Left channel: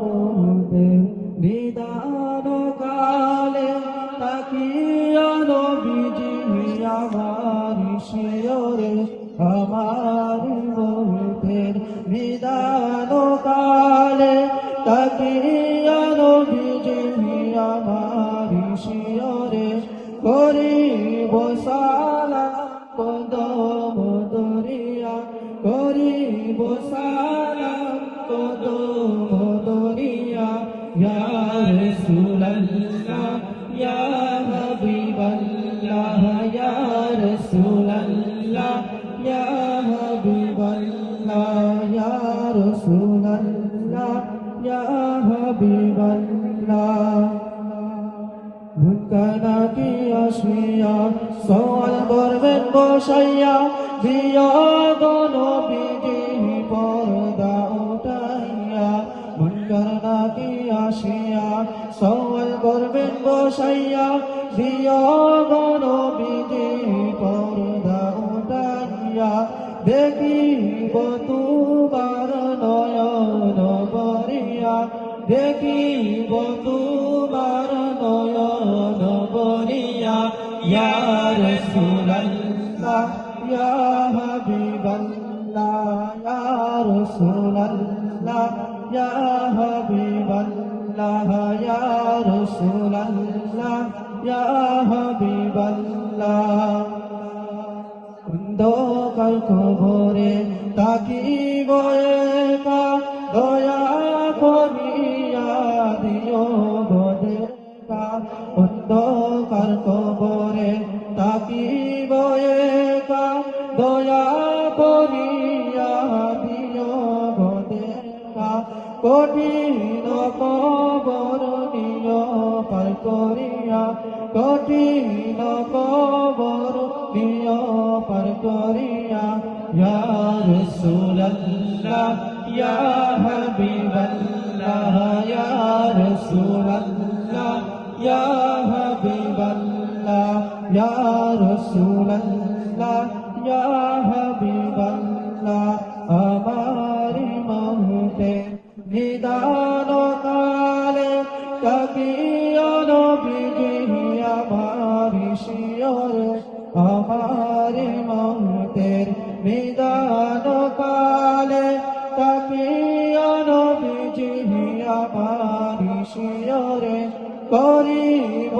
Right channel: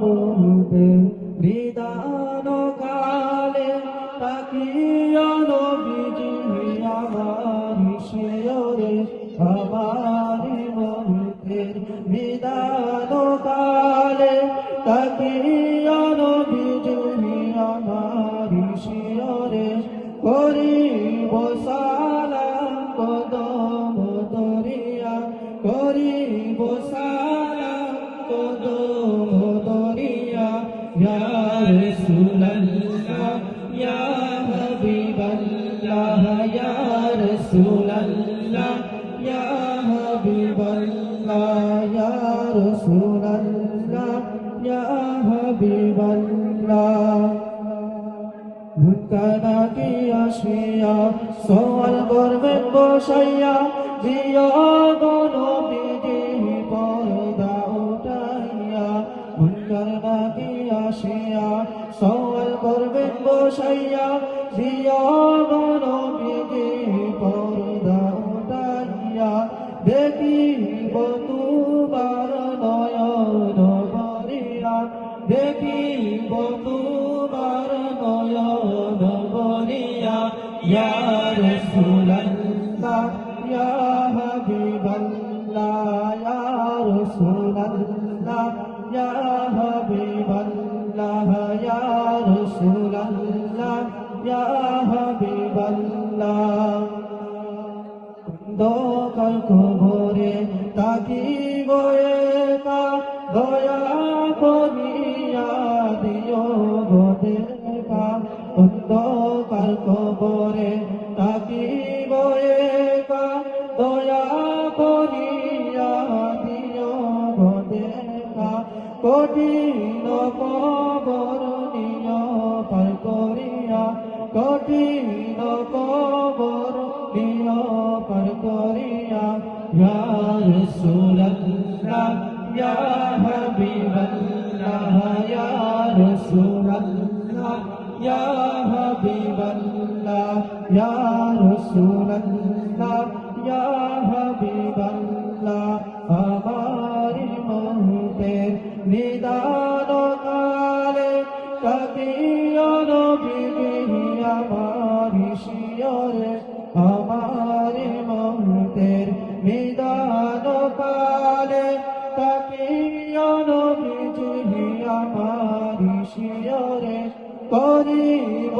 মুহূর্তে নিদান কালে তাকিয়া নবীজি আমার শিয়রে আমার মুহূর্তের নিদান কালে তাকিয়া নবীজি আমার শিয়রে করিব সালাম কদম দরিয়া করিব সালাম কদম দরিয়া ইয়া রাসূলুল্লাহ ইয়া হাবিবাল্লাহ ইয়া রাসূলুল্লাহ ইয়া হাবিবাল্লাহ ইয়া রাসূলুল্লাহ ইয়া হাবিবাল্লাহ ভুলকানা কি আসিয়া সওয়াল করবেন বসাইয়া বিয়োগ নবীজি পর্দা উঠাইয়া ভুলকানা কি আসিয়া সওয়াল করবেন বসাইয়া বিয়োগ নবীজি পর্দা উঠাইয়া দেখিব তোমার নয়ন ভরিয়া দেখিব তোমার নয়ন ভরিয়া ইয়া রাসূলুল্লাহ ইয়া হাবিবাল্লাহ ইয়া রাসূলুল্লাহ ইয়া হাবিবাল্লাহ ইয়া রাসূলুল্লাহ ইয়া হাবিবাল্লাহ অন্ধকার কবরে তাকিব একা দয়া করিয়া দিও গো দেখা অন্ধকার কবরে তাকিব একা দয়া করিয়া দিও গো দেখা কঠিন কবর নিয় পার করিয়া কঠিন কবর নিয় পার করিয়া ইয়া রাসূলুল্লাহ ইয়া হাবিবাল্লাহ ইয়া রাসূলুল্লাহ ইয়া হাবিবাল্লাহ ইয়া রাসূলুল্লাহ ইয়া হাবিবাল্লাহ আমার মুহূর্তের নিদান কালে তাকিয়া নবীজি আমার শিয়রে আমার মুহূর্তের নিদান কালে তাকিয়া নবীজি আমার শিয়রে করিব